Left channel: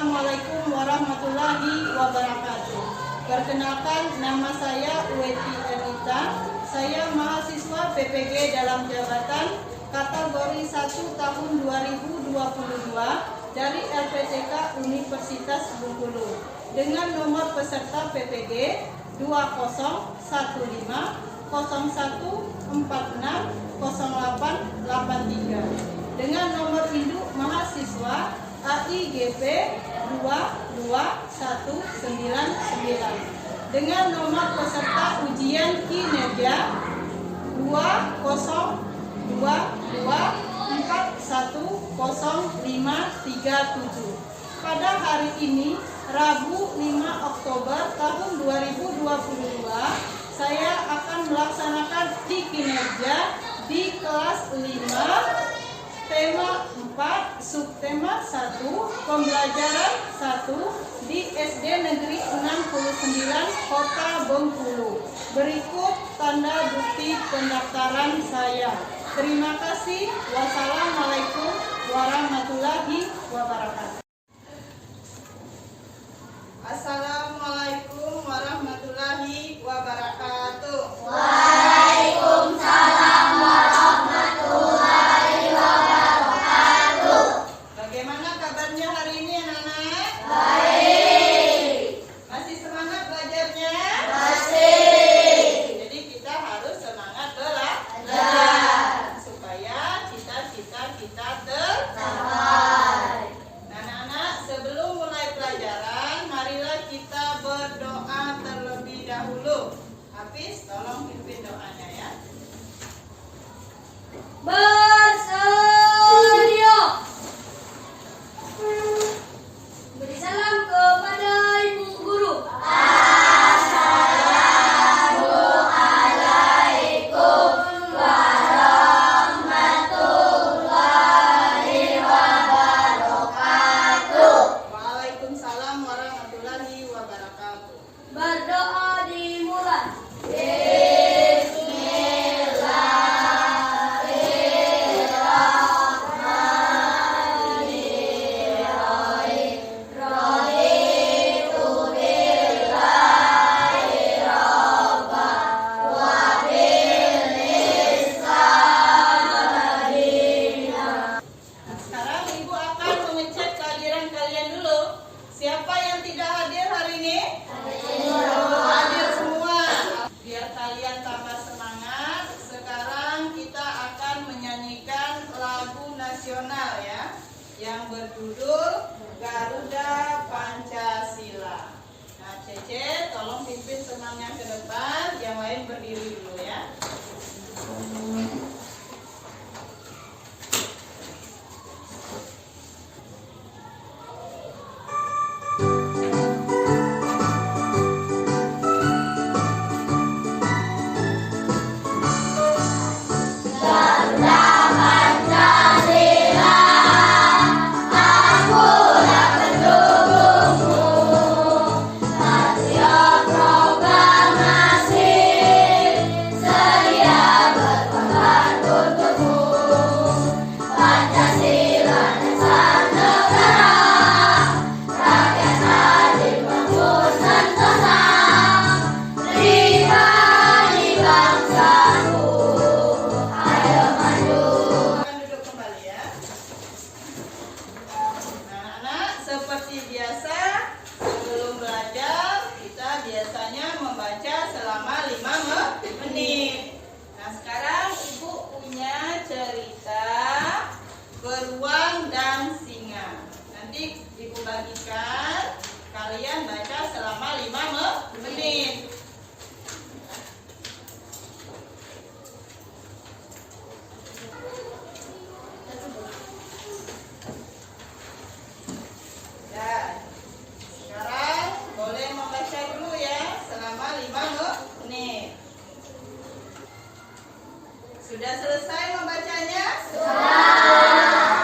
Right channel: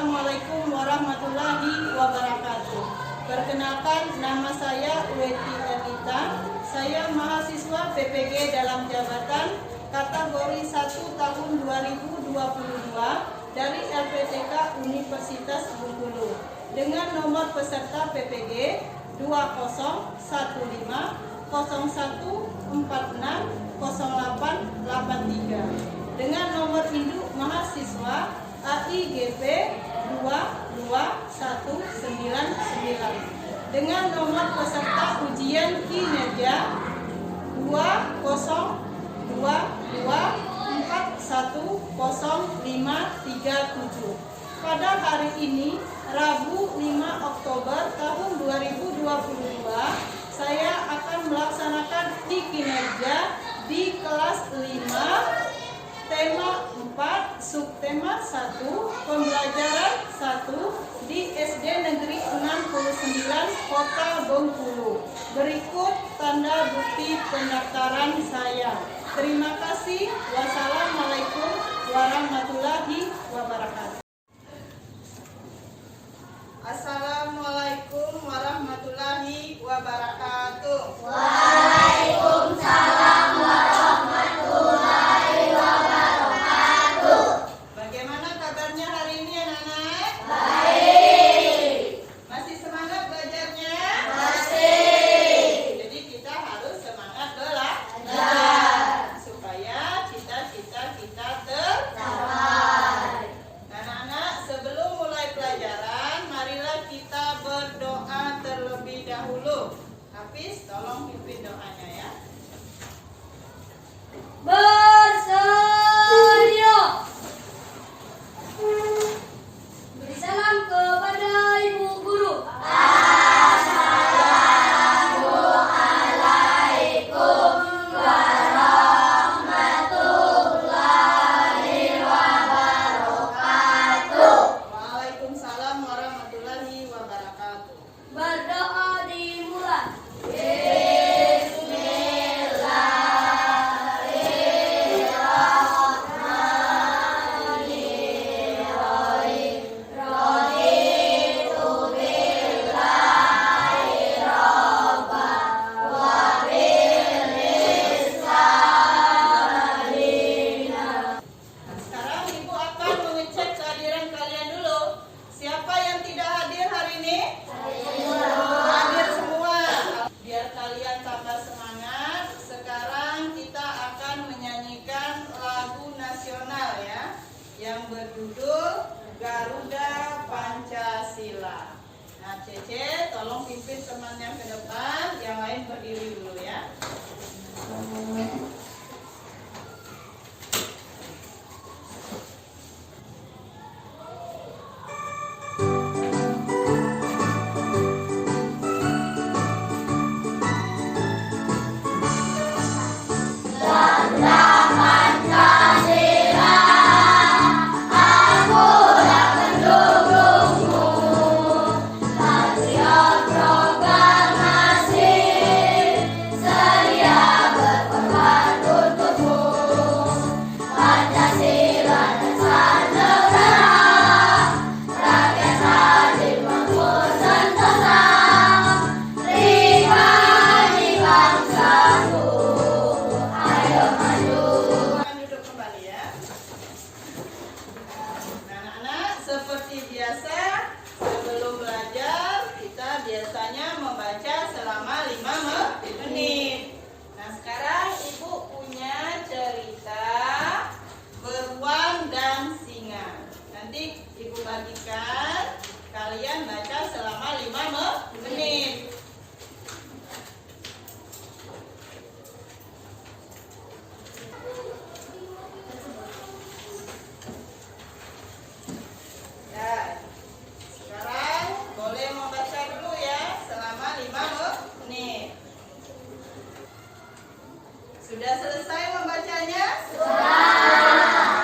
Assalamualaikum warahmatullahi wabarakatuh. Perkenalkan, nama saya Weti Elita. Saya mahasiswa PPG dalam jabatan kategori 1 tahun 2022 dari LPTK Universitas Bengkulu dengan nomor peserta PPG 2001460883 dengan nomor induk mahasiswa AIGP 22199 dengan nomor peserta ujian kinerja 2022410537. Pada hari ini, Rabu 5 Oktober tahun 2022, saya akan melaksanakan kinerja di kelas 5, tema 4, subtema 1, pembelajaran 1 di SD Negeri 69 Kota Bengkulu. Berikut tanda bukti pendaftaran saya. Terima kasih. Wassalamualaikum warahmatullahi wabarakatuh. Assalamualaikum warahmatullahi wabarakatuh. Waalaikumsalam warahmatullahi wabarakatuh. Bagaimana kabarnya hari ini anak-anak? Baik. Masih semangat belajarnya? Masih. Jadi kita harus semangat belajar supaya cita-cita kita tercapai. Anak-anak, sebelum mulai pelajaran, marilah kita berdoa terlebih dahulu. Hafiz, tolong pimpin doanya ya. Bersedia. Beri salam kepada Ibu Guru. Assalamualaikum warahmatullahi wabarakatuh. Waalaikumsalam warahmatullahi wabarakatuh. Berdoa dimulai. Sekarang Ibu akan mengecek kehadiran kalian dulu. Siapa yang tidak hadir hari ini? Hadir semua. Biar kalian tambah semangat, sekarang kita akan menyanyikan lagu nasional ya, yang berjudul Garuda Pancasila. Nah, Cece, tolong pimpin temannya ke depan, yang lain berdiri dulu ya. Duduk kembali ya. Anak-anak, seperti biasa sebelum belajar kita biasanya membaca selama 5 menit. Nah, sekarang Ibu punya cerita Beruang dan Singa. Nanti Ibu bagikan, kalian baca selama 5 menit. Nah, sekarang boleh membaca dulu ya selama 5 menit. Sudah selesai membacanya? Sudah.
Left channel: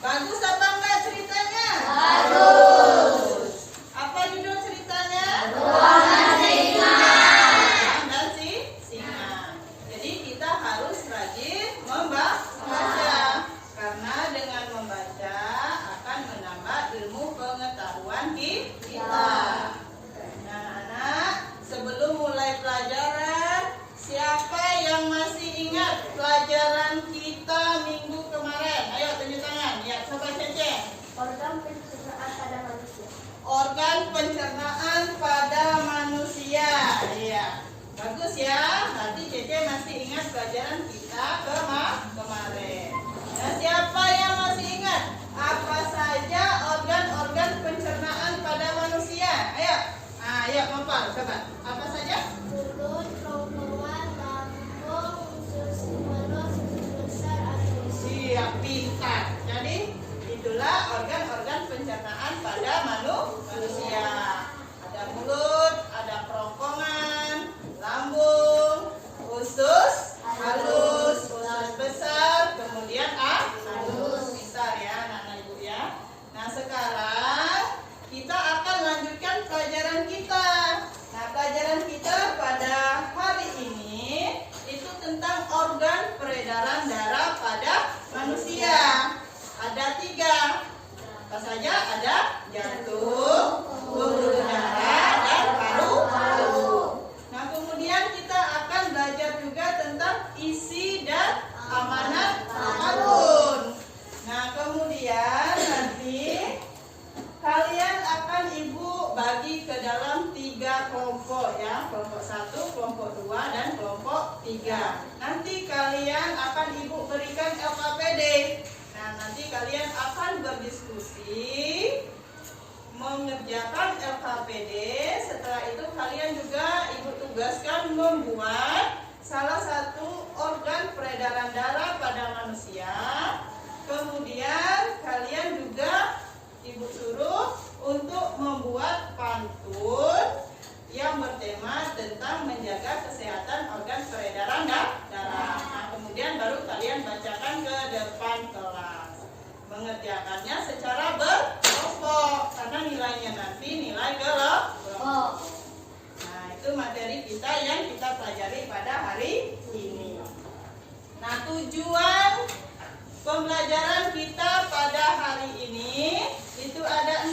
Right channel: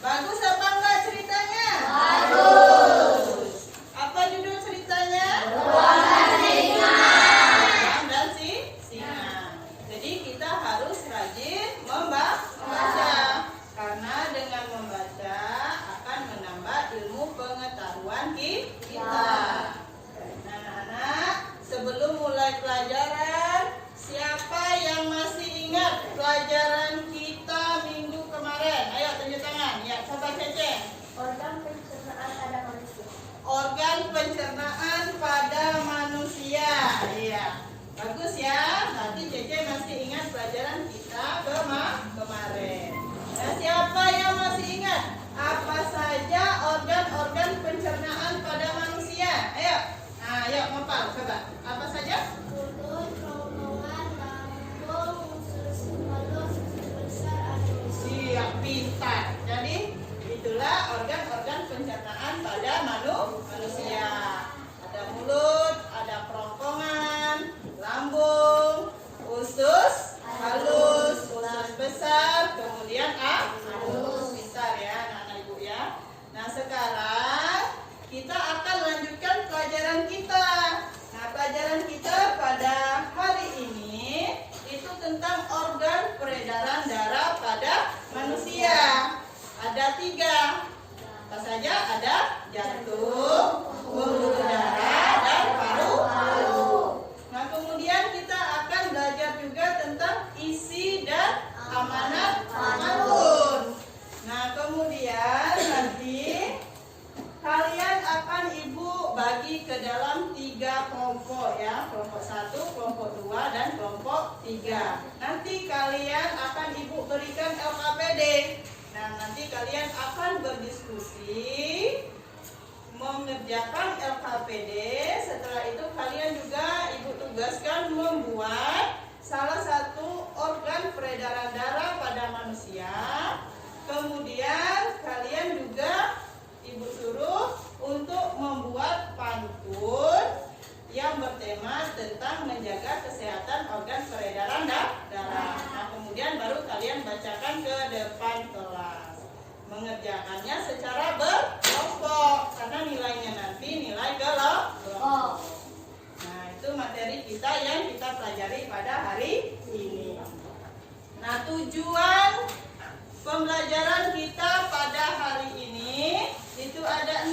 Bagus apa enggak ceritanya? Bagus. Apa judul ceritanya? Beruang dan pembelajaran kita kemarin. Nah, siapa yang masih ingat apa saja organ-organ pencernaan pada manusia? Ayo. Ayo, Nopal, coba. Apa saja? Mulut, kerongkongan, lambung, usus kepala, usus besar, anus. Siap, pintar. Jadi itulah organ-organ pencernaan pada manusia. Ada mulut, ada kerongkongan, lambung, usus halus, usus besar, kemudian anus. Pintar ya anak-anak ibu ya. Nah, sekarang kita akan lanjutkan pelajaran kita. Nah, pelajaran kita pada hari ini itu tentang organ peredaran darah pada manusia. Ada 3. Apa saja? Ada jantung, pembuluh darah, dan paru-paru. Nah, kemudian kita akan belajar juga tentang isi dan amanat pantun. Nah, kemudian nanti kalian akan ibu bagi ke dalam 3 kelompok ya. Kelompok 1, kelompok 2, dan kelompok 3. Nanti kalian akan ibu berikan LKPD. Nah, nanti kalian akan berdiskusi mengerjakan LKPD. Setelah itu kalian juga ibu tugaskan membuat salah satu organ peredaran darah pada manusia. Kemudian kalian juga ibu suruh untuk membuat pantun yang bertema tentang menjaga kesehatan organ peredaran darah. Nah, kemudian baru kalian bacakan ke depan kelas. Mengerjakannya secara berkelompok karena nilainya nanti nilai kelompok. Nah, itu materi kita yang kita pelajari pada hari ini. Nah, tujuan pembelajaran kita pada hari ini itu ada 6.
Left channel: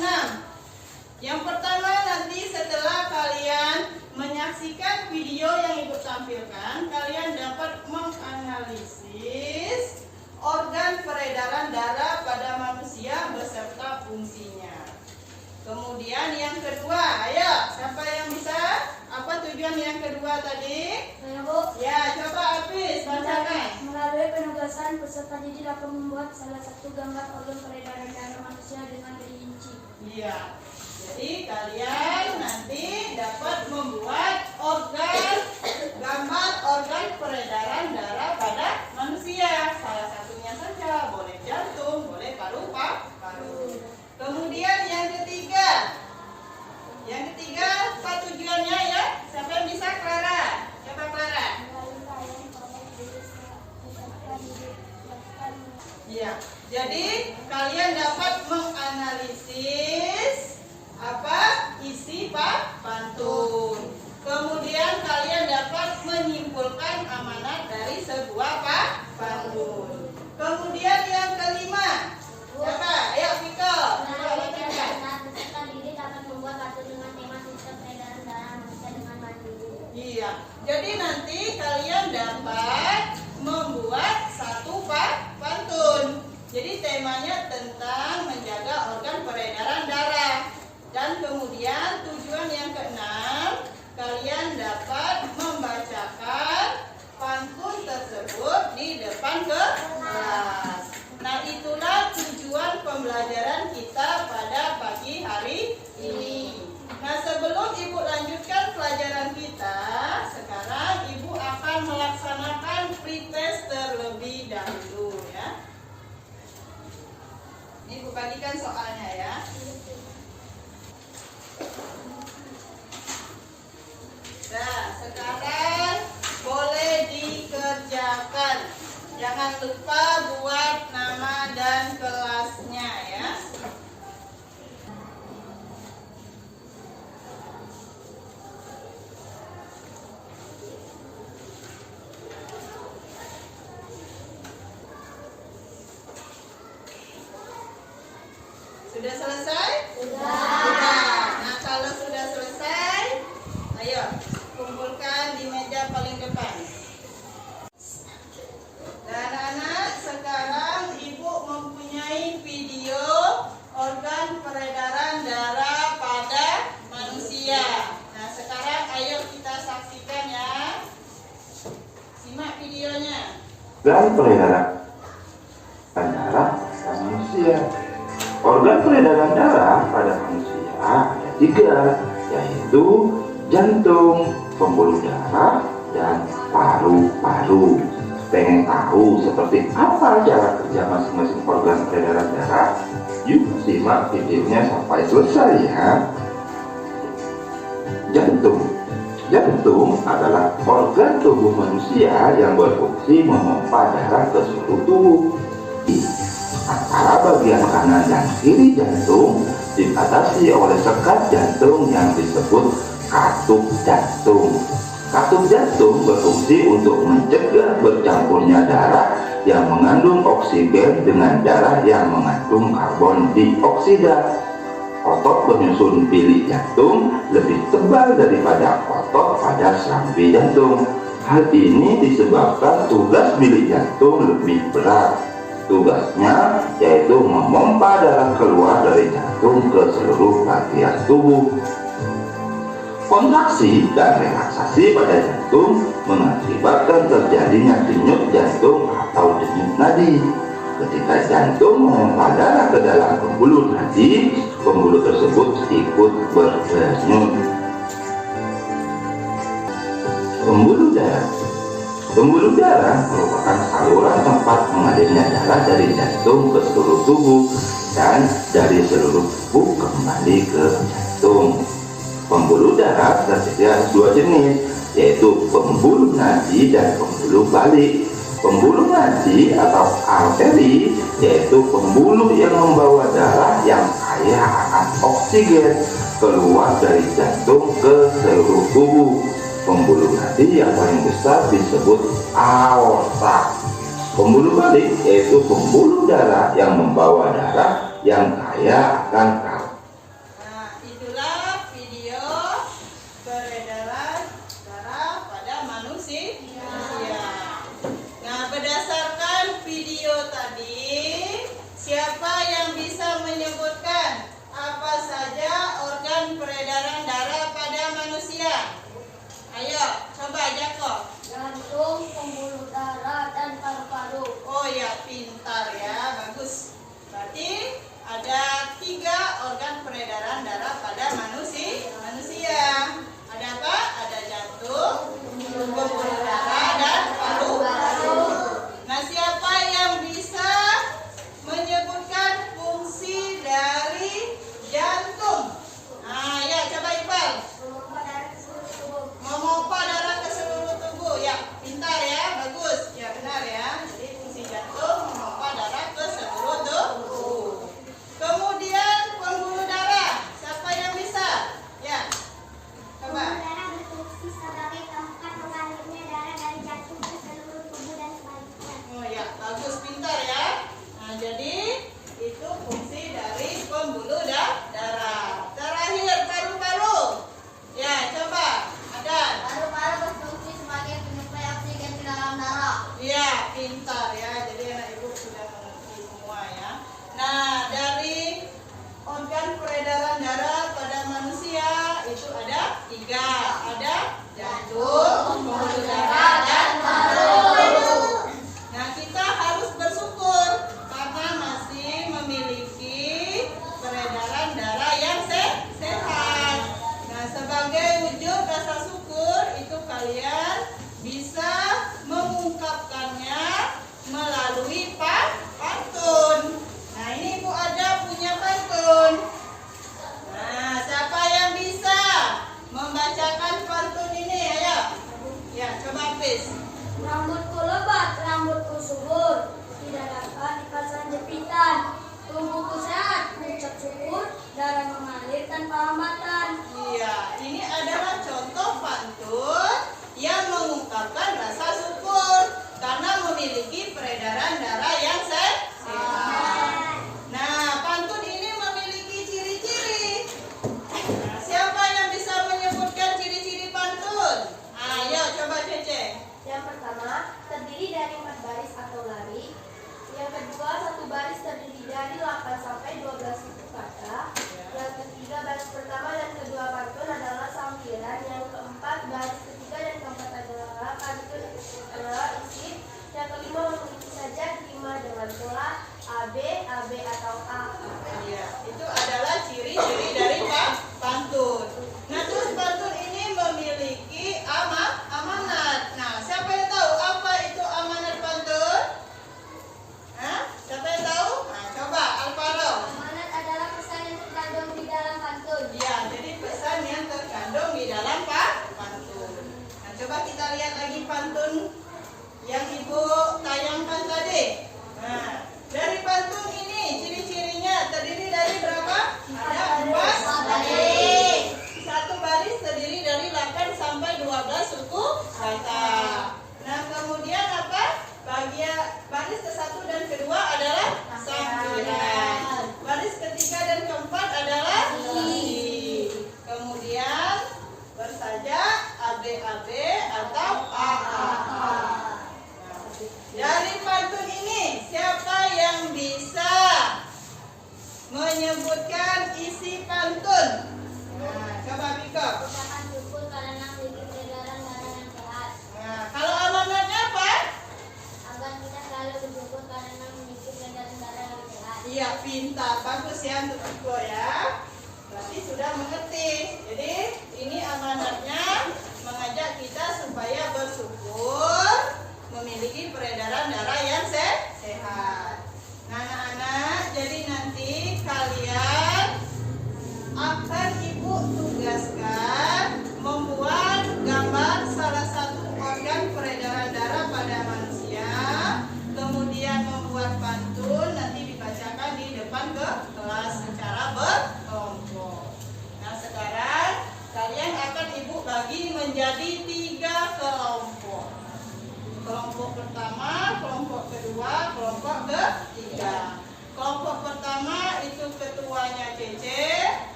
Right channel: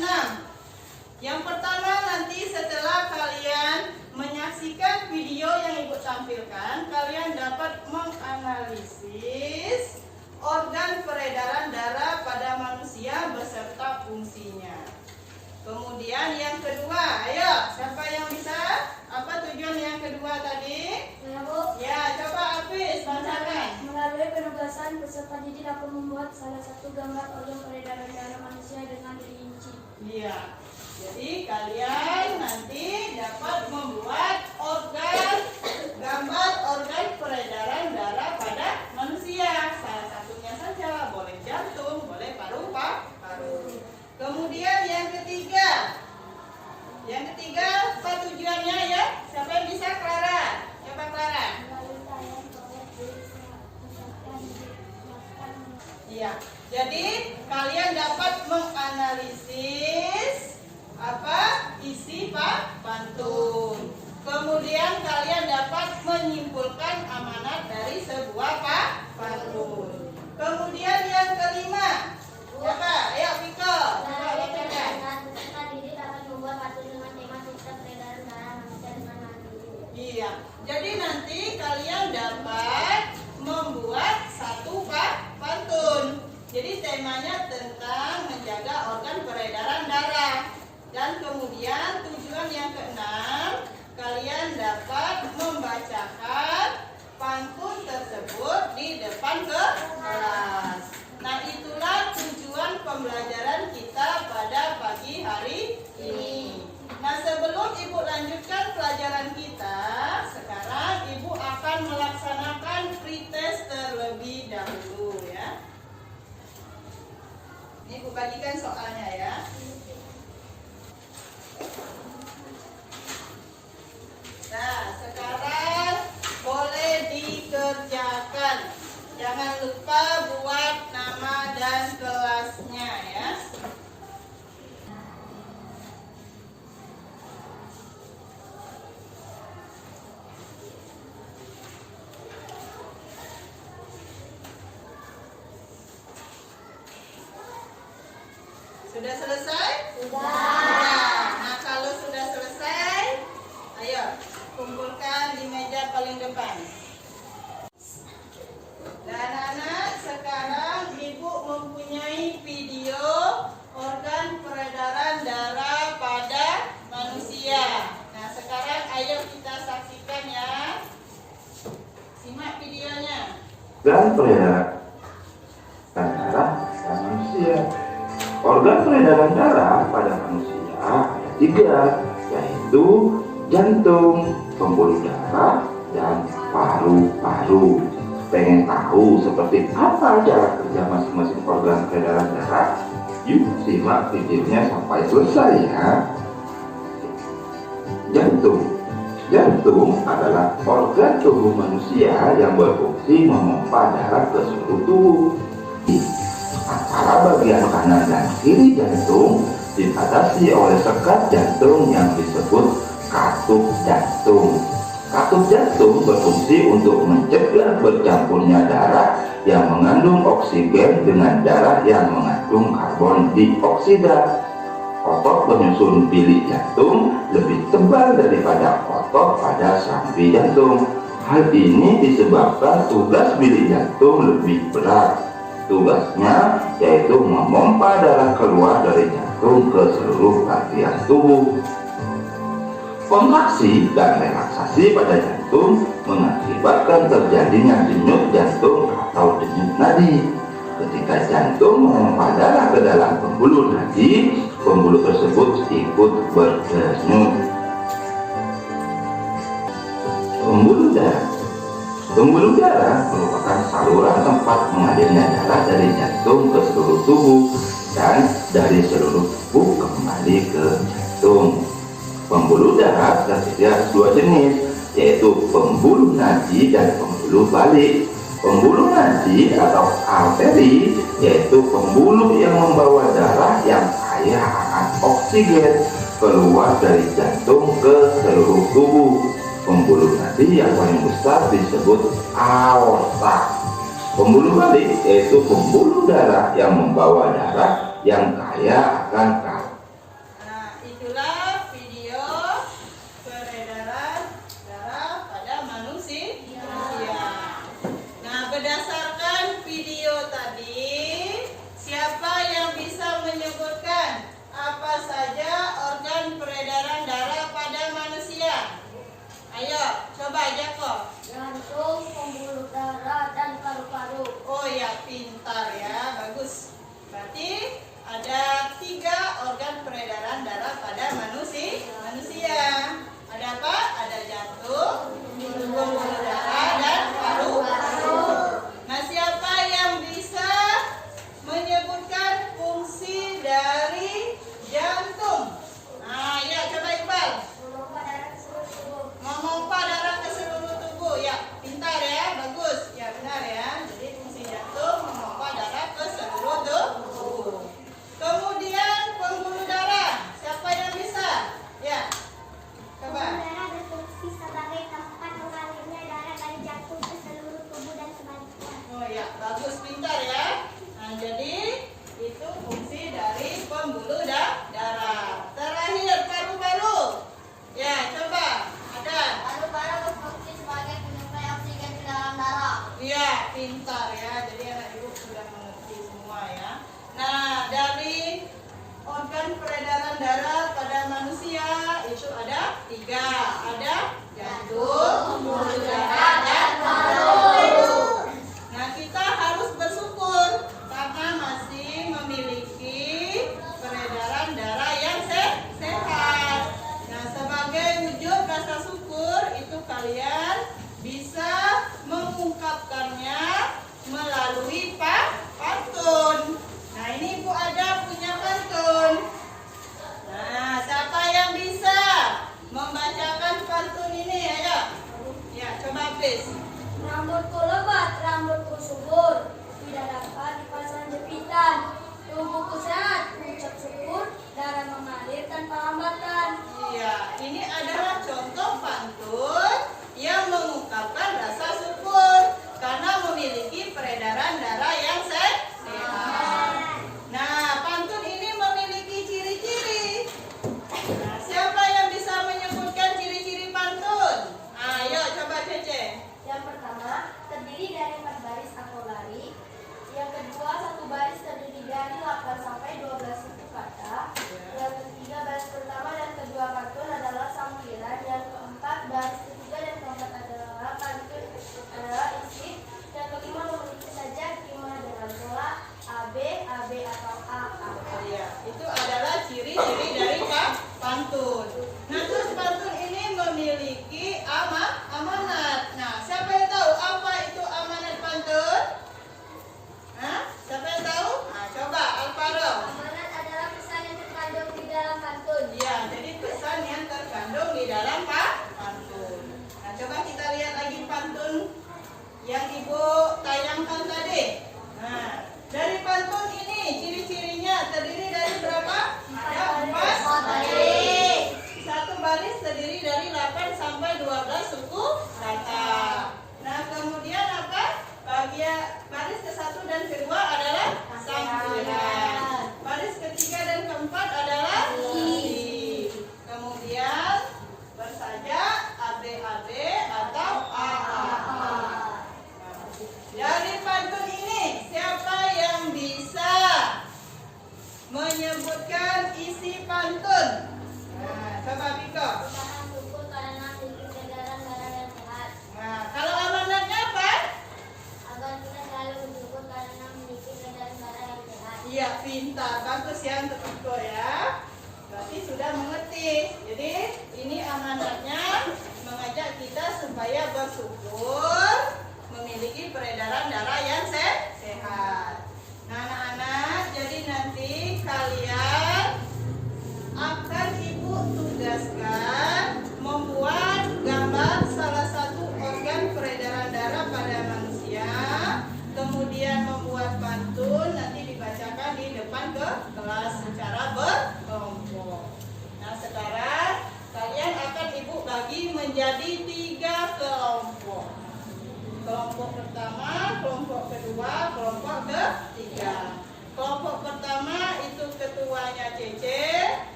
Yang pertama, nanti setelah kalian menyaksikan video yang ibu tampilkan, kalian dapat menganalisis organ peredaran darah pada manusia beserta fungsinya. Kemudian yang kedua, ayo siapa yang bisa? Apa tujuan yang kedua tadi? Ya, coba Apis bacakan. Melalui penugasan, peserta didik dapat membuat salah satu gambar organ peredaran darah manusia dengan rinci. Iya. Jadi kalian nanti dapat membuat gambar organ peredaran darah pada manusia. Salah satunya saja, boleh jantung, boleh paru-paru. Kemudian yang ketiga. Yang ketiga, apa tujuannya ya? Siapa yang bisa? Clara. Coba Clara. Iya. Jadi kalian dapat menganalisis apa isi pantun. Kemudian kalian dapat menyimpulkan amanat dari sebuah pantun. Kemudian yang kelima, siapa? Ayo Viko, coba bacakan. Peserta didik dapat membuat pantun dengan tema sistem peredaran darah manusia dengan mandiri. Iya. Jadi nanti kalian dapat membuat satu pantun. Jadi temanya tentang menjaga organ peredaran darah. Dan kemudian tujuan yang keenam, kalian dapat membacakan pantun tersebut di depan kelas. Nah, itulah tujuan pembelajaran kita pada pagi hari ini. Nah, sebelum ibu lanjutkan pelajaran kita, sekarang ibu akan melaksanakan pretest terlebih dahulu ya. Ini ibu bagikan soalnya ya. Nah, sekarang boleh dikerjakan. Jangan lupa buat nama dan kelasnya ya. Sudah selesai? Sudah. Nah, kalau sudah selesai, ayo kumpulkan di meja paling depan. Dan anak-anak, sekarang ibu mempunyai video organ peredaran darah pada manusia. Nah, sekarang ayo kita saksikan ya. Simak videonya. organ peredaran darah pada manusia. Organ peredaran darah pada manusia ada 3, yaitu jantung, pembuluh darah, dan paru-paru. Pengen tahu seperti apa cara kerja masing-masing organ peredaran darah? Yuk simak videonya sampai selesai ya. Jantung adalah organ tubuh manusia yang berfungsi memompa darah ke seluruh tubuh. Antara bagian kanan dan kiri jantung dibatasi oleh sekat jantung yang disebut katup jantung. Katup jantung berfungsi untuk mencegah bercampurnya darah yang mengandung oksigen dengan darah yang mengandung karbon dioksida. Otot penyusun bilik jantung lebih tebal daripada otot pada serambi jantung. Hal ini disebabkan tugas bilik jantung lebih berat. Tugasnya yaitu memompa darah keluar dari jantung ke seluruh bagian tubuh. Kontraksi dan relaksasi pada jantung mengakibatkan terjadinya denyut jantung atau denyut nadi. Ketika jantung memompa darah ke dalam pembuluh nadi, pembuluh tersebut ikut berdenyut. Pembuluh darah merupakan saluran tempat mengalirnya darah dari jantung ke seluruh tubuh dan dari seluruh tubuh kembali ke jantung. Pembuluh darah tersedia 2 jenis, yaitu pembuluh nadi dan pembuluh balik. Pembuluh nadi atau arteri yaitu pembuluh yang membawa darah yang kaya akan oksigen keluar dari jantung ke seluruh tubuh. Pembuluh nadi yang paling besar disebut aorta. Pembuluh balik yaitu pembuluh darah yang membawa darah yang kaya akan karbon. Nah, itulah video peredaran darah pada manusia. Nah, berdasarkan video tadi, siapa yang bisa menyebutkan apa saja organ peredaran darah pada manusia? Ayo, coba Jakob. Jantung, pembuluh darah, dan paru-paru. Oh ya, pintar ya, bagus. Berarti ada 3 organ peredaran darah pada manusia. Ada apa? Ada jantung, pembuluh darah, dan paru-paru. Nah, siapa yang bisa menyebutkan fungsi dari jantung? Nah, ya coba Iqbal. Memompa darah ke seluruh tubuh. Ya, pintar ya, bagus. Ya, benar ya. Jadi fungsi jantung memompa darah ke seluruh tubuh. Kemudian pembuluh darah. Siapa yang bisa? Ya. Coba. Pembuluh darah berfungsi sebagai tempat mengalirnya darah dari jantung ke seluruh tubuh dan sebaliknya. Oh ya, bagus, pintar ya. Nah, jadi itu fungsi dari pembuluh darah. Terakhir paru-paru. Ya, coba. Ada. Paru-paru berfungsi sebagai penyuplai oksigen ke dalam darah. Iya, pintar ya. Jadi anak ibu sudah mengerti semua ya. Nah, dari organ peredaran darah pada manusia itu ada 3. Ada jantung, pembuluh darah, dan paru-paru. Nah, kita harus bersyukur karena masih memiliki peredaran darah yang sehat. Nah, sebagai wujud rasa syukur itu kalian bisa mengungkapkannya melalui pantun. Nah, ini Ibu Ada punya pantun. Nah, siapa yang bisa membacakan pantun ini? Ayo.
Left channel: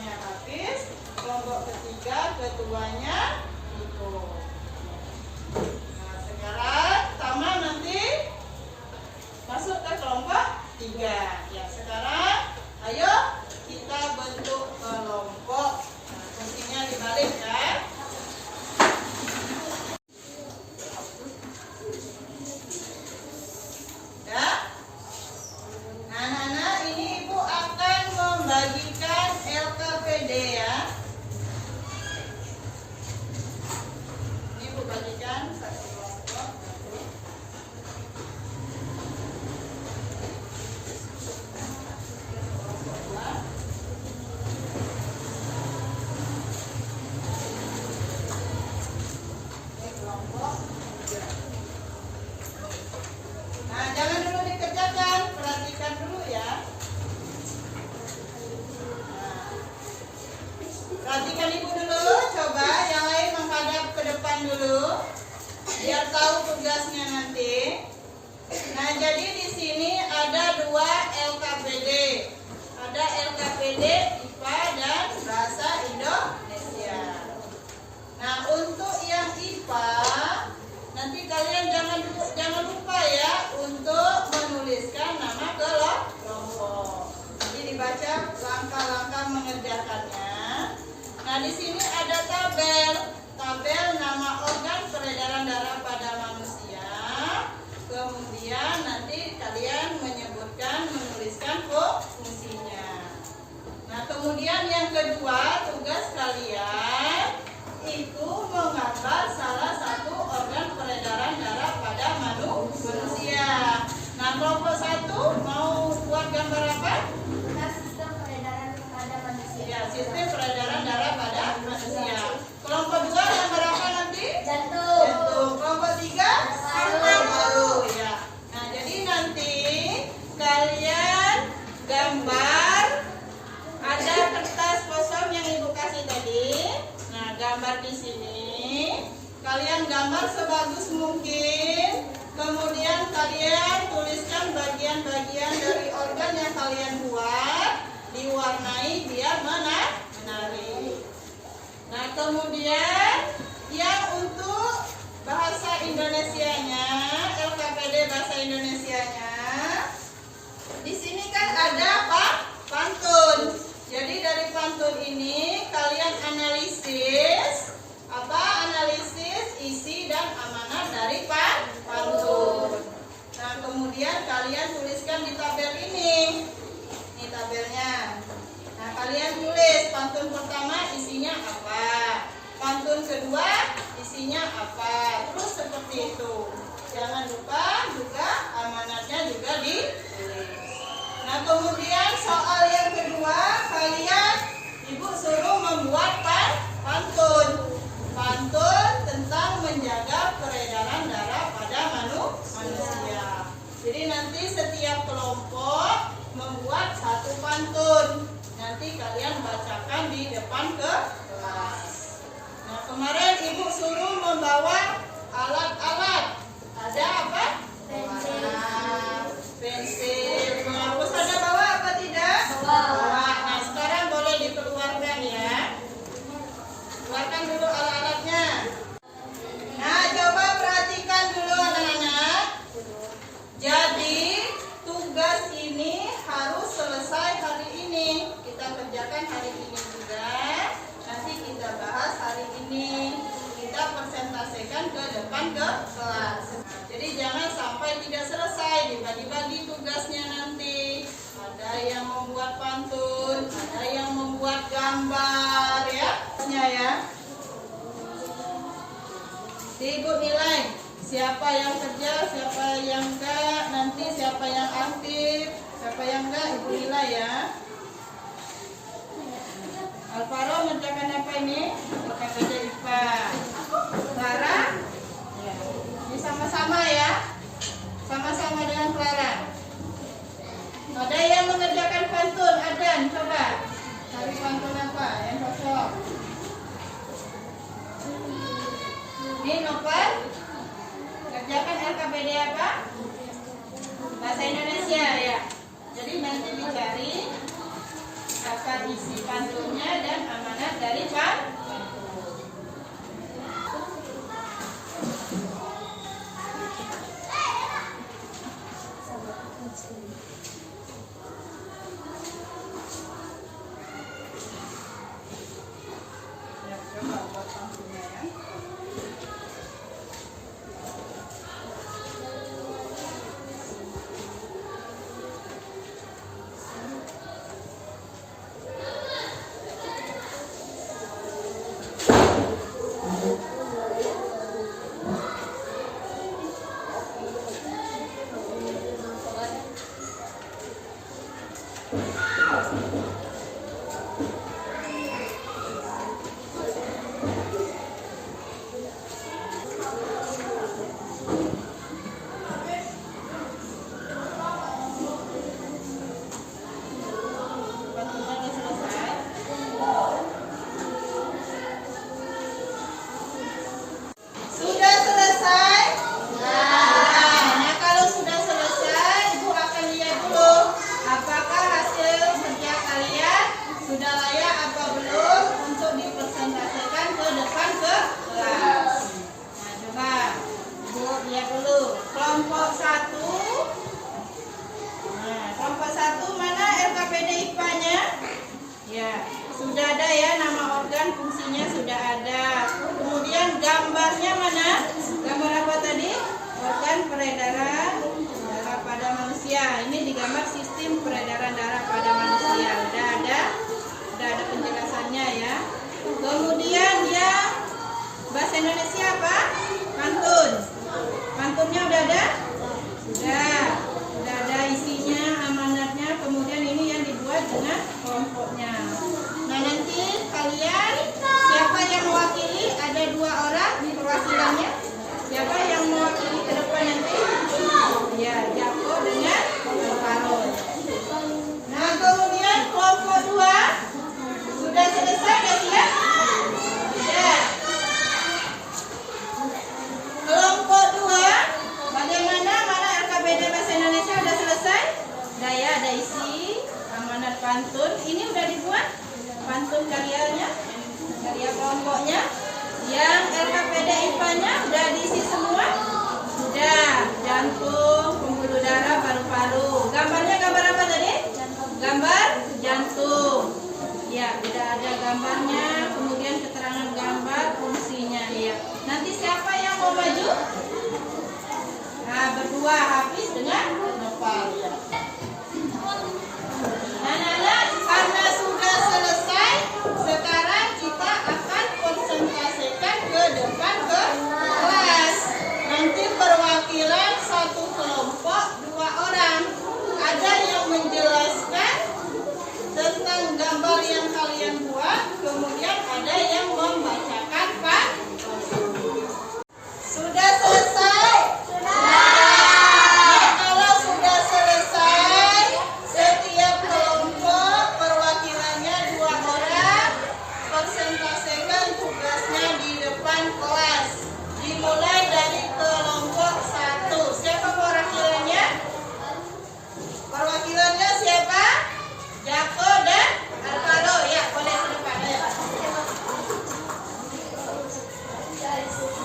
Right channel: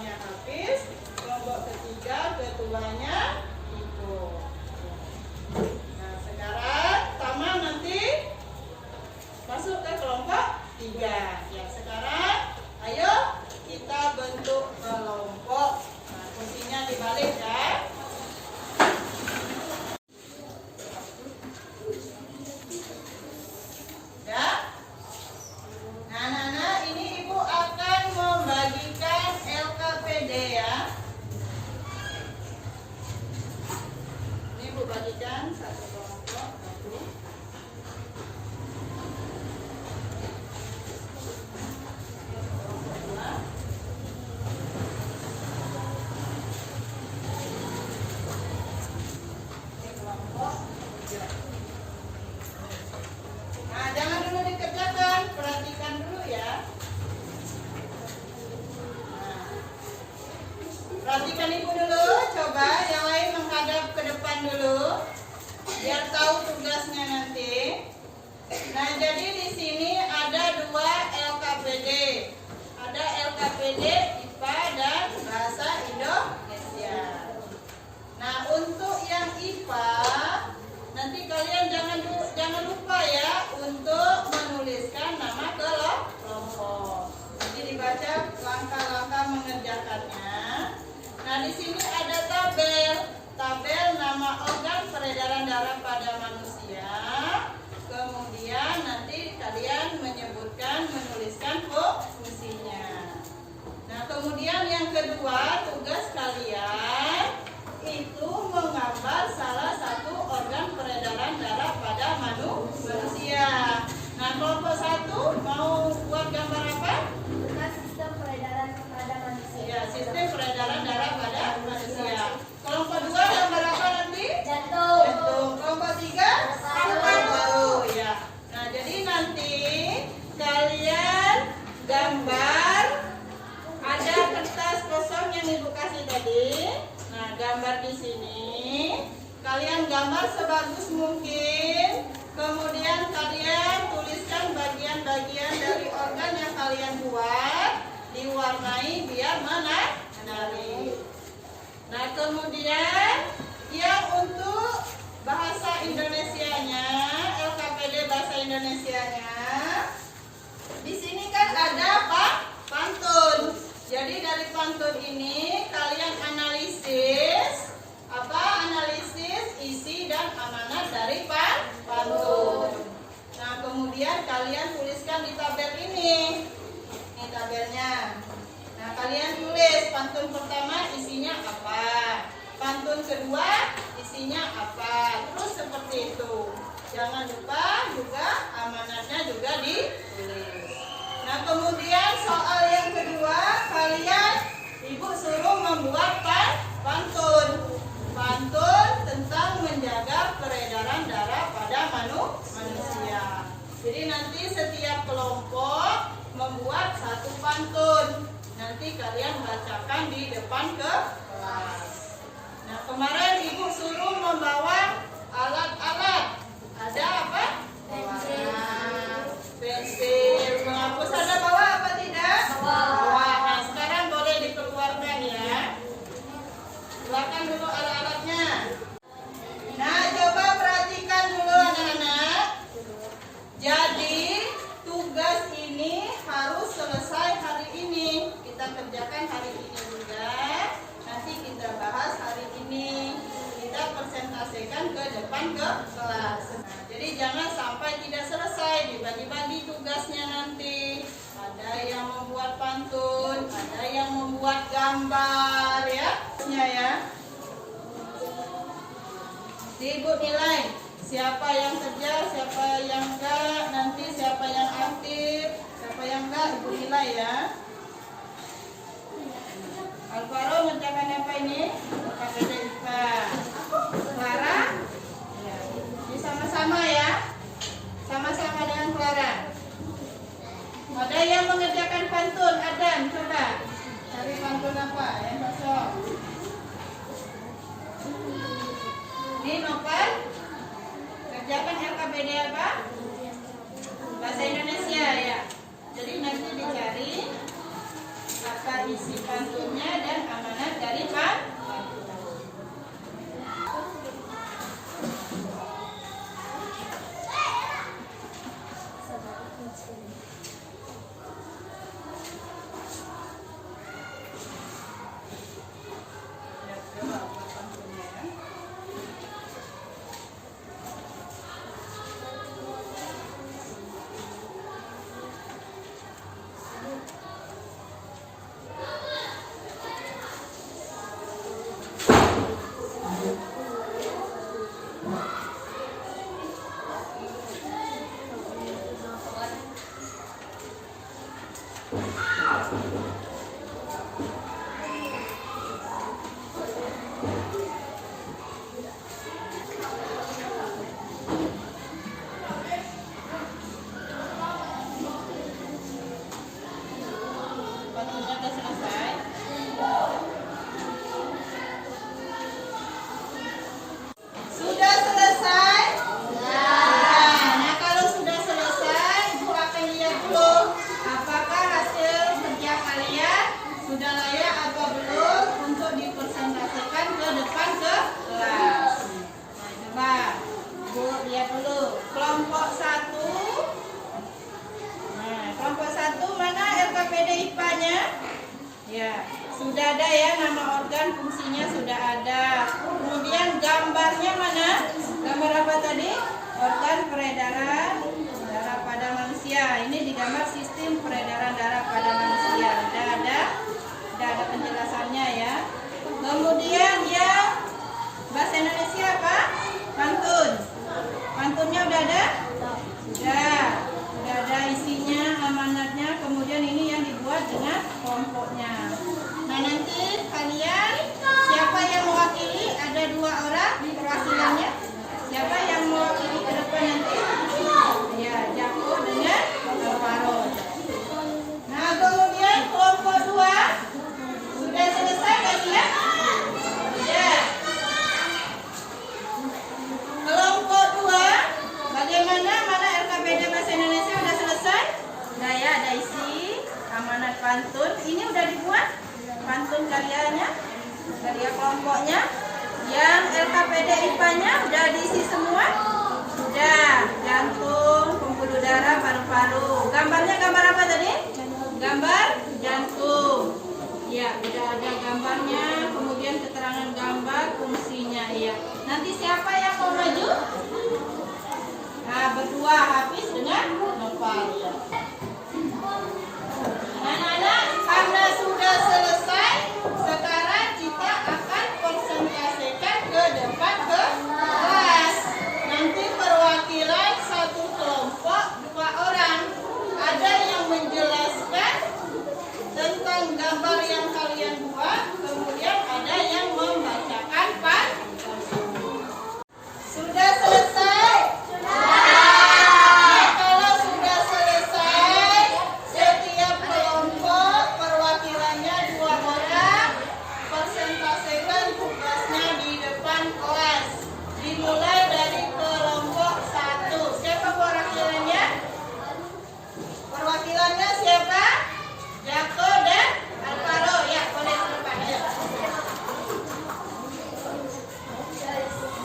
keduanya Hafiz, kelompok ketiga keduanya Iko. Nah, sekarang Tama nanti masuk ke kelompok 3. Ya, sekarang ayo kita bentuk kelompok. Nah, fungsinya dibalik ya. Ya. Nah, anak-anak, ini Ibu akan membagikan LKPD ya. Ini Ibu bagikan satu kelompok. Nah, jangan dulu dikerjakan, perhatikan dulu ya. Nah, perhatikan Ibu dulu, coba yang lain menghadap ke depan dulu, biar tahu tugasnya nanti. Nah, jadi di sini ada 2 LKPD. Ada LKPD IPA dan Bahasa Indonesia. Nah, untuk yang IPA nanti kalian jangan lupa ya untuk menuliskan nama kelompok. Jadi dibaca langkah-langkah mengerjakannya. Nah, di sini ada tabel nama organ peredaran darah pada manusia. Kemudian nanti kalian menuliskan fungsinya. Nah, kemudian yang kedua, tugas kalian itu menggambar salah satu organ peredaran darah pada manusia. Nah, kelompok 1 mau buat gambar apa? Sistem peredaran pada manusia. Ya, sistem peredaran darah pada manusia. Kelompok 2 gambar apa nanti? Jantung. Jantung. Kelompok 3 paru-paru ya. Nah, jadi nanti kalian gambar, ada kertas kosong yang Ibu kasih tadi. Nah, gambar di sini. Kalian gambar sebagus mungkin. Kemudian kalian tuliskan bagian-bagian dari organ yang kalian buat, diwarnai biar menarik. Nah, kemudian yang untuk bahasa Indonesianya, LKPD bahasa Indonesianya, di sini kan ada pantun. Jadi dari pantun ini kalian analisis isi dan amanat dari pantun. Nah, kemudian kalian tuliskan di tabel ini. Ini tabelnya. Nah, kalian tulis pantun pertama isinya apa, pantun kedua isinya apa, terus seperti itu. Jangan lupa juga amanatnya juga ditulis. Nah, kemudian soal yang kedua, kalian Ibu suruh membuat pantun tentang menjaga peredaran darah pada manusia. Jadi nanti setiap kelompok membuat satu pantun. Nanti kalian bacakan di depan kelas. Nah, kemarin Ibu suruh membawa alat-alat. Ada apa? Pensil. Penghapus ada bawa apa tidak? Bawa. Nah, sekarang boleh dikeluarkan ya. Keluarkan dulu alat-alatnya. Nah, coba perhatikan dulu anak-anak. Jadi tugas ini harus selesai hari ini. Kita kerjakan hari ini juga. Nanti kita bahas hari ini. Kita presentasikan ke depan ke kelas. Nah, jadi jangan sampai tidak selesai, dibagi-bagi tugasnya nanti. Ada yang membuat pantun, ada yang membuat gambar ya. Ibu nilai siapa yang kerja, siapa yang enggak, nanti siapa yang aktif, siapa yang enggak, Ibu nilai ya. Alvaro mengerjakan apa ini? LKPD IPA. Clara? Ya. Ini sama-sama ya. Sama-sama dengan Clara. Ada yang mengerjakan pantun, Adan, coba. Cari pantun apa yang cocok. Ini Novel. Kerjakan LKPD apa? Bahasa Indonesia ya. Jadi nanti dicari apa isi pantunnya dan amanat dari Pak. Pantunnya udah selesai. Sudah selesai? Nah, kalau sudah selesai, Ibu akan lihat dulu apakah hasil kerja kalian sudah layak atau belum untuk dipresentasikan ke depan ke kelas. Nah, coba Ibu lihat dulu kelompok 1. Nah, kelompok 1 mana LKPD IPA-nya? Ya, sudah ada ya, nama organ fungsinya sudah ada. Kemudian gambarnya mana? Gambar apa tadi? Organ peredaran darah pada manusia. Ini digambar sistem peredaran darah pada manusia. Udah ada penjelasannya ya. Kemudian dia bahasa Indonesia apa? Pantun. Pantunnya udah ada? Sudah ada isinya, amanatnya. Kemudian ini yang dibuat dengan kelompoknya. Nah, nanti kalian siapa yang mewakili? Ada 2 orang perwakilannya. Siapa yang mewakili ke depan nanti? Ya, Jako dengan Alvaro. Nah, kemudian kelompok 2 sudah selesai kalian? Sudah. Kelompok 2 bagaimana? Mana LKPD bahasa Indonesia udah selesai? Udah ya, ada isi amanat pantun. Ini udah dibuat pantun karyanya, karya kelompoknya. Yang LKPD IPA-nya udah diisi semua? Sudah. Jantung, pembuluh darah, paru-paru. Gambarnya gambar apa tadi? Gambar jantung. Ya, udah ada gambarnya. Kemudian keterangan gambar fungsinya. Ya. Nanti siapa yang mau maju? Nah, berdua Hafiz dengan Nopal. Anak-anak, karena sudah selesai, sekarang kita akan presentasikan ke depan ke kelas. Nanti perwakilan satu kelompok 2 orang. Ada yang menjelaskan tentang gambar yang kalian buat, kemudian ada yang membacakan pantun. Sudah selesai? Nah, kalau sudah selesai, setiap kelompok perwakilannya 2 orang, presentasikan tugasnya di depan kelas. Dimulai dari kelompok 1. Siapa perwakilannya? Perwakilannya siapa? Jako dan Alvaro. Ya, boleh di depan.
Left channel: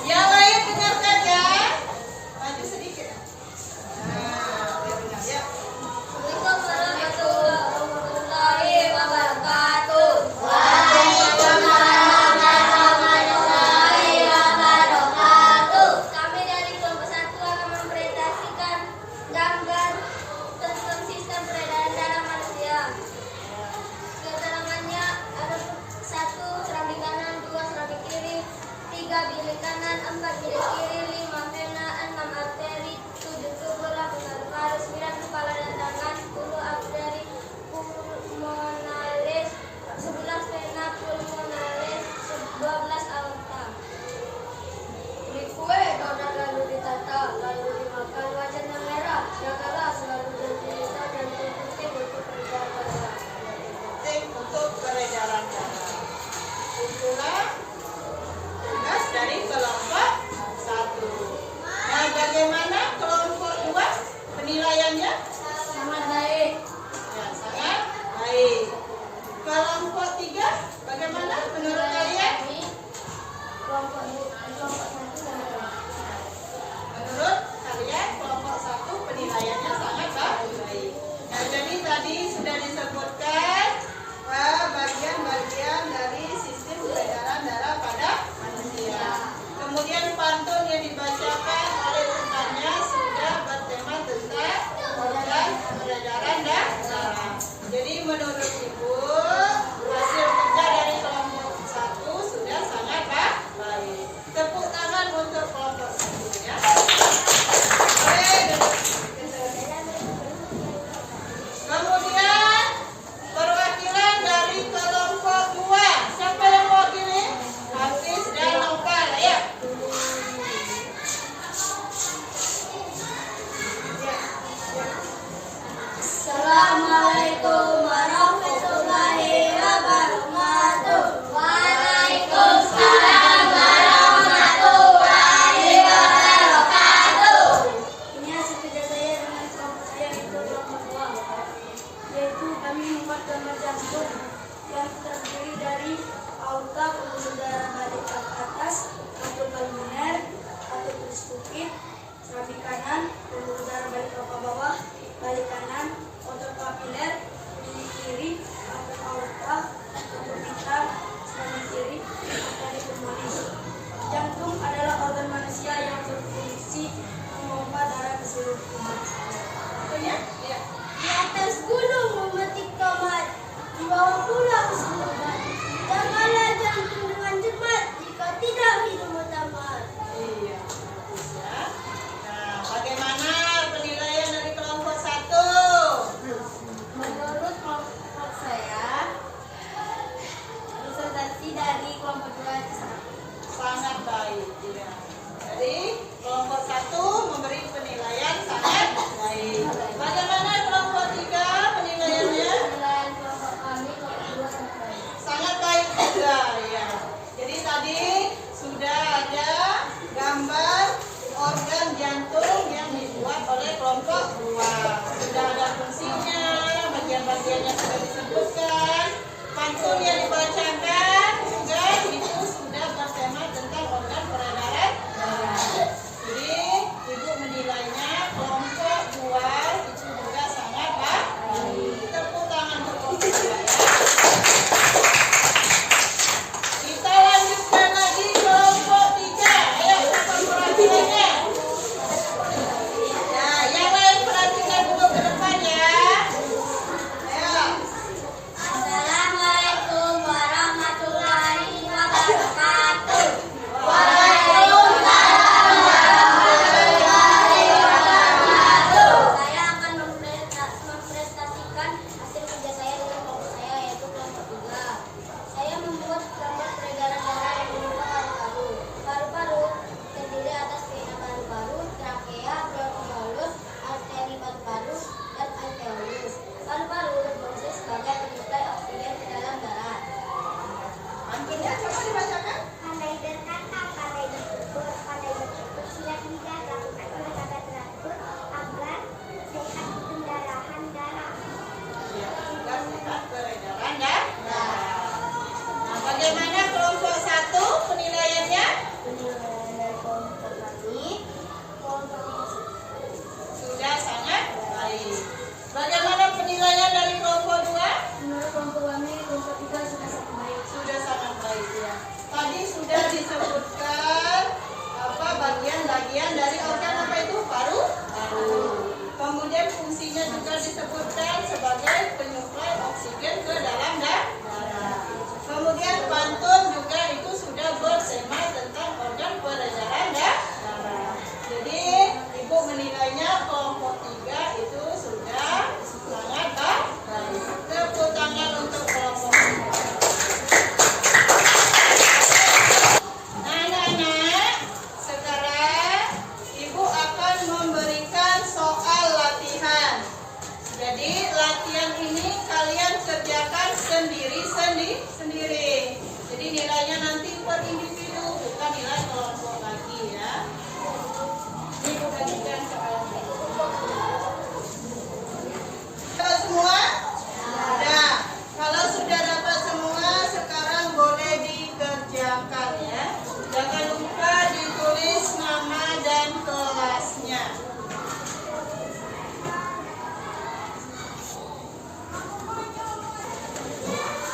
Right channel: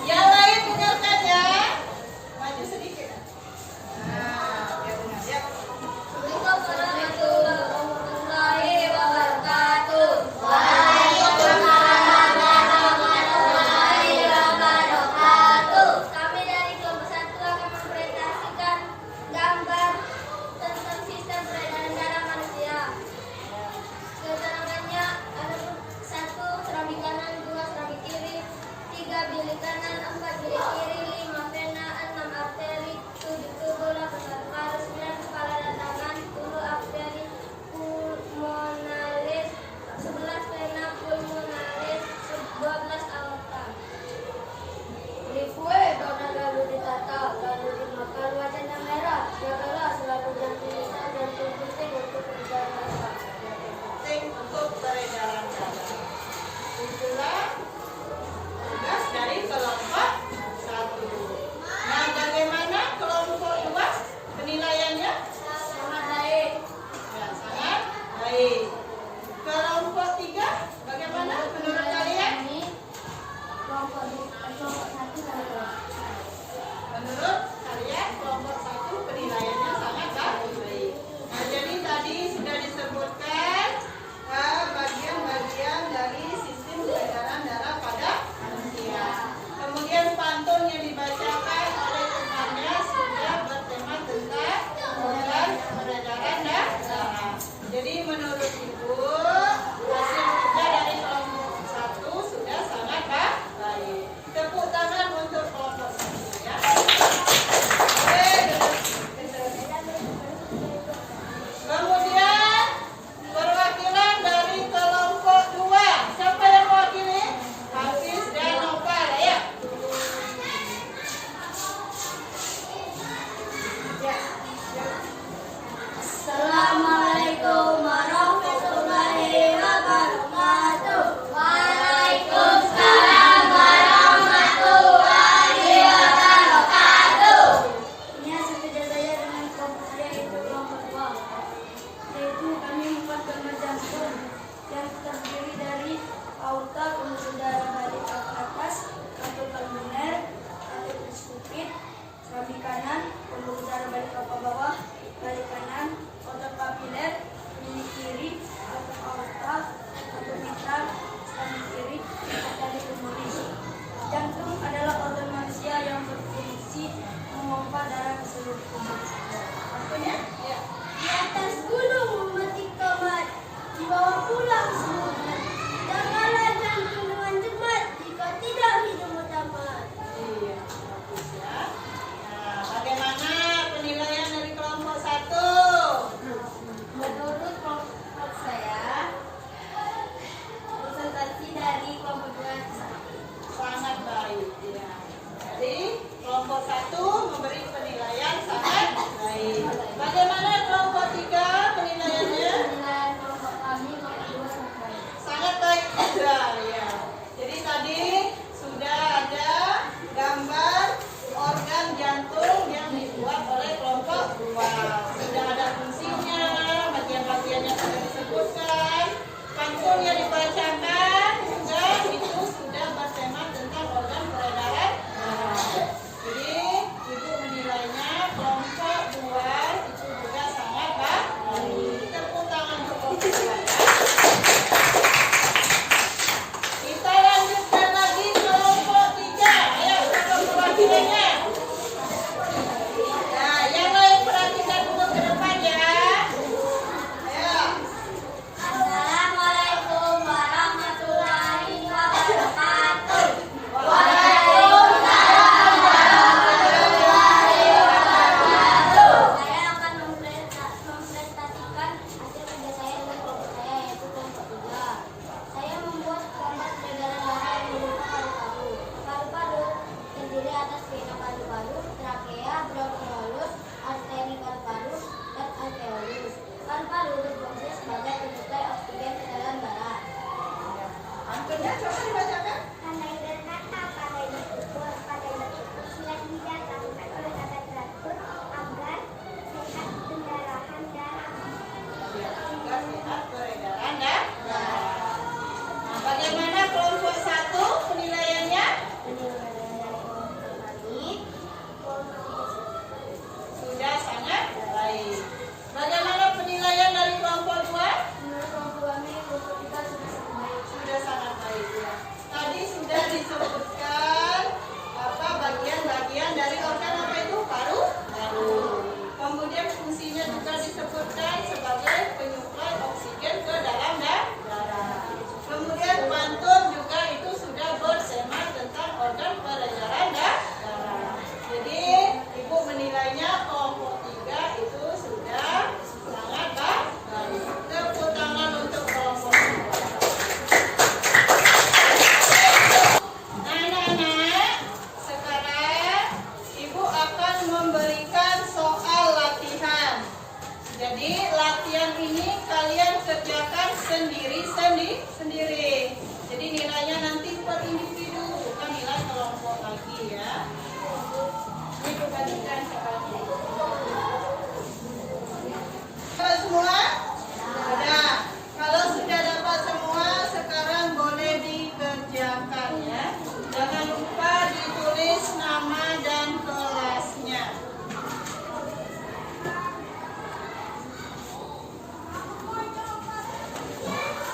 Yang lain dengarkan ya. Maju sedikit. Nah, biar dengar ya. aorta, pembuluh darah balik ke atas, kantul pulmoner, kantul triskupit, samping kanan, pembuluh darah balik ke bawah, balik kanan, otot papiler, milik kiri, kantul aorta, kantul mitral, samping kiri, arteri pulmonis. Jantung adalah organ manusia yang berfungsi memompa darah ke seluruh tubuh. Artinya? Ya. Di atas gunung memetik tomat, di bawah pulau siluman. Jagalah jantung dengan cermat, jika tidak hidupmu tamat. Iya, bagus ya. Nah, bagaimana penilaian dari kelompok 1? Menurut kelompok saya, presentasi dari kelompok 2 Sangat baik. Ya. Jadi kelompok 1 memberi penilaian sangat baik. Bagaimana kelompok 3 penilaiannya? penilaian kelompok kami kelompok 2 sangat baik. Sangat baik juga ya. Jadi tadi sudah ada gambar organ jantung yang dibuat oleh kelompok 2. Sudah ada fungsinya, bagian-bagiannya sudah disebutkan, pantunnya dibacakan, juga itu sudah bertema tentang organ peredaran darah. Jadi ibu menilainya kelompok 2 itu juga sangat baik. Tepuk tangan untuk kelompok 2 ya. Kita lanjutkan lagi kelompok 3. Ayo kita perhatikannya. Nah, yang lain perhatikan dulu ke depan ya. Ayo. Assalamualaikum warahmatullahi wabarakatuh. Saya akan mempresentasikan hasil kerja saya dengan kelompok saya, yaitu kelompok 3. Saya membuat gambar peredaran darah yang berupa paru-paru. Paru-paru terdiri atas vena paru-paru, trakea, bronkiolus, arteri paru-paru, dan alveolus. Paru-paru berfungsi sebagai penyuplai oksigen ke dalam darah. Pantunnya coba dibacakan. Pandai berkata, pandai bertutur, pandai bertutur, silat lidah lakukan olahraga teratur agar sehat pendarahan darah. Ya, juga sehat peredaran darah. Nah, bagaimana kelompok 1 penilaiannya? Penilaian dari kelompok kami Sudah sangat baik. Bagaimana penilaian dari kelompok 2? menurut kelompok kami kelompok 3 sudah sangat baik. Sudah sangat baik ya. Tadi sudah disebutkan apa bagian-bagian dari organ apa itu paru-paru. Kemudian fungsinya juga disebutkan sebagai penyuplai oksigen ke dalam darah. Kemudian pantun juga itu sudah bertema tentang organ peredaran darah. Jadi ibu menilainya kelompok 3 itu sudah sangat baik. Tepuk tangan untuk kelompok 3. Nah, anak-anak, sekarang ibu akan memberikan soal latihan. Jadi latihan ini kalian kerjakan sendiri. Jadi nilainya nanti per individu, bukan nilai kelompok lagi ya. Ini ibu bagikan soalnya. Dapat semua? Ada. Kalau sudah dapat semua, sekarang boleh dikerjakan ya. Jangan lupa ditulis nama dan kelasnya.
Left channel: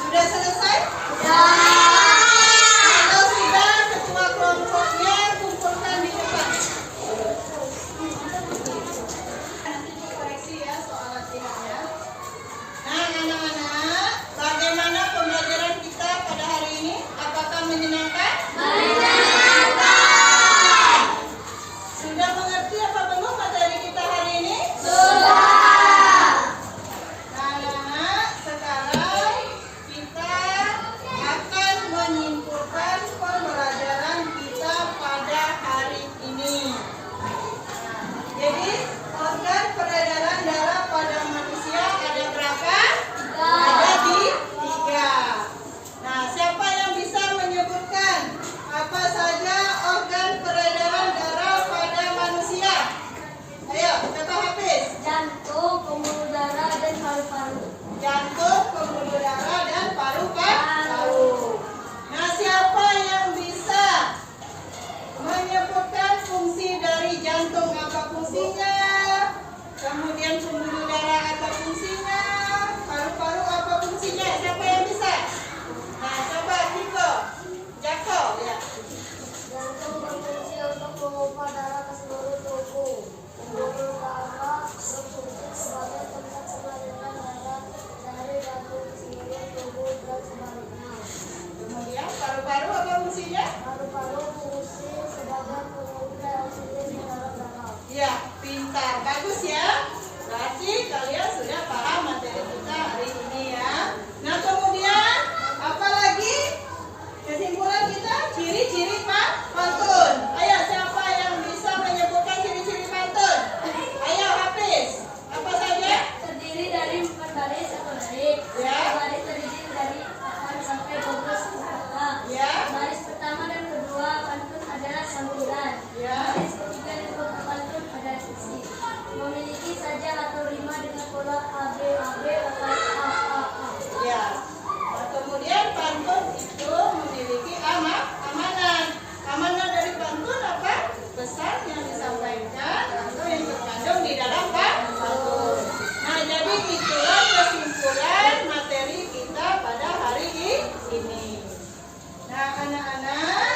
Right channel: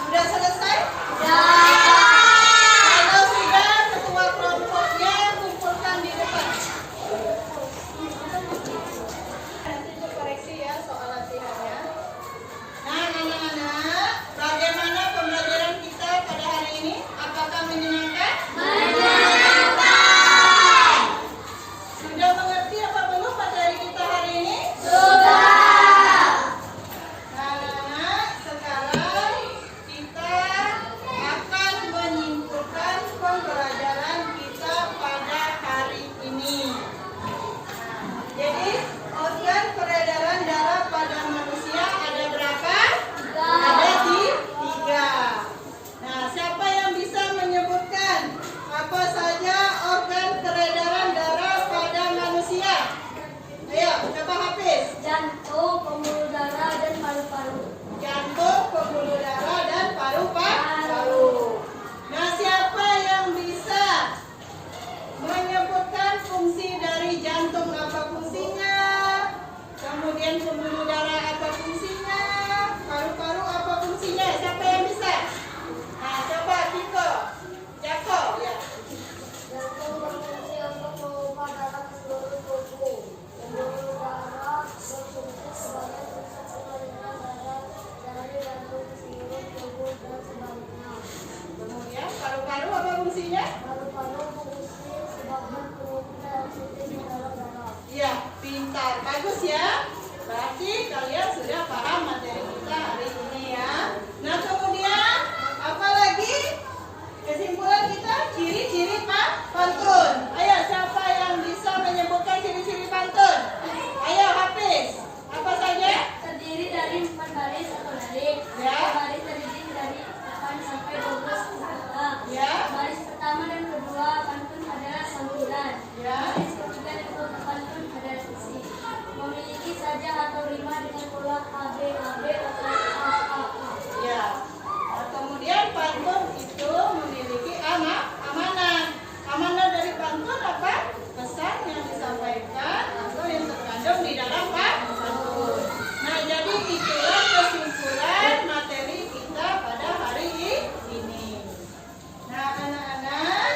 Sudah selesai? Kalau sudah, ketua kelompoknya kumpulkan di depan. Nanti dikoreksi ya soal latihannya. Nah, anak-anak, bagaimana pembelajaran kita pada hari ini? Apakah menyenangkan? Sudah mengerti apa belum materi kita hari ini? Sudah. Nah, anak-anak, sekarang kita fungsinya? Paru-paru fungsi sebagai pengumpulan oksigen di dalam darah. Ya, pintar, bagus ya. Berarti kalian sudah paham materi kita hari ini ya. Nah kemudian apa lagi? Kesimpulan kita ciri-ciri pantun. Ayo siapa yang bisa menyebutkan ciri-ciri pantun? Ayo Hafiz. Apa saja? Terdiri dari 4 baris atau baris. Ya. Baris terdiri dari 8 sampai 12 kata. Ya. Baris pertama dan kedua pantun adalah sambilan. Ya. Baris ketiga dan keempat pantun adalah sisi. Memiliki saja atau rima dengan pola AB atau A. Ya. Nah, kemudian pantun itu memiliki amanat. Amanat dari pantun apa? Pesan yang disampaikan atau yang terkandung di dalam pantun. Nah, jadi itulah kesimpulan materi kita pada hari ini. Nah, anak-anak,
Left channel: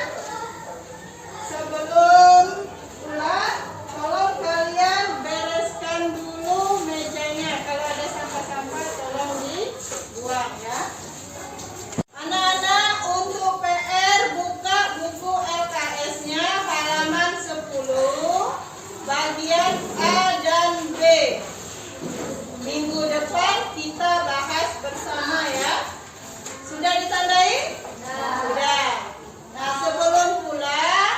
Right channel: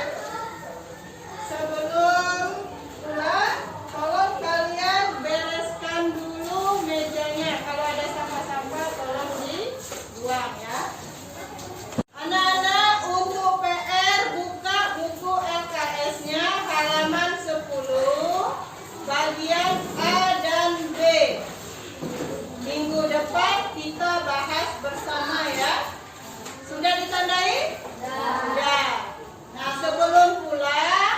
sebelum pulang, tolong kalian bereskan dulu mejanya. Kalau ada sampah-sampah, tolong dibuang ya. Anak-anak, untuk PR buka buku LKS-nya halaman 10, bagian A dan B. Minggu depan kita bahas bersama ya. Sudah ditandai? Sudah. Nah, sebelum pulang,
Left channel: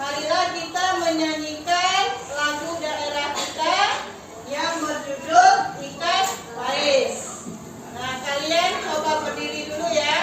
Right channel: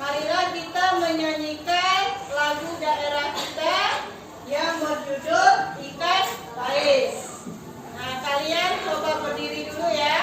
marilah kita menyanyikan lagu daerah kita yang berjudul Ikan Pais. Nah, kalian coba berdiri dulu ya.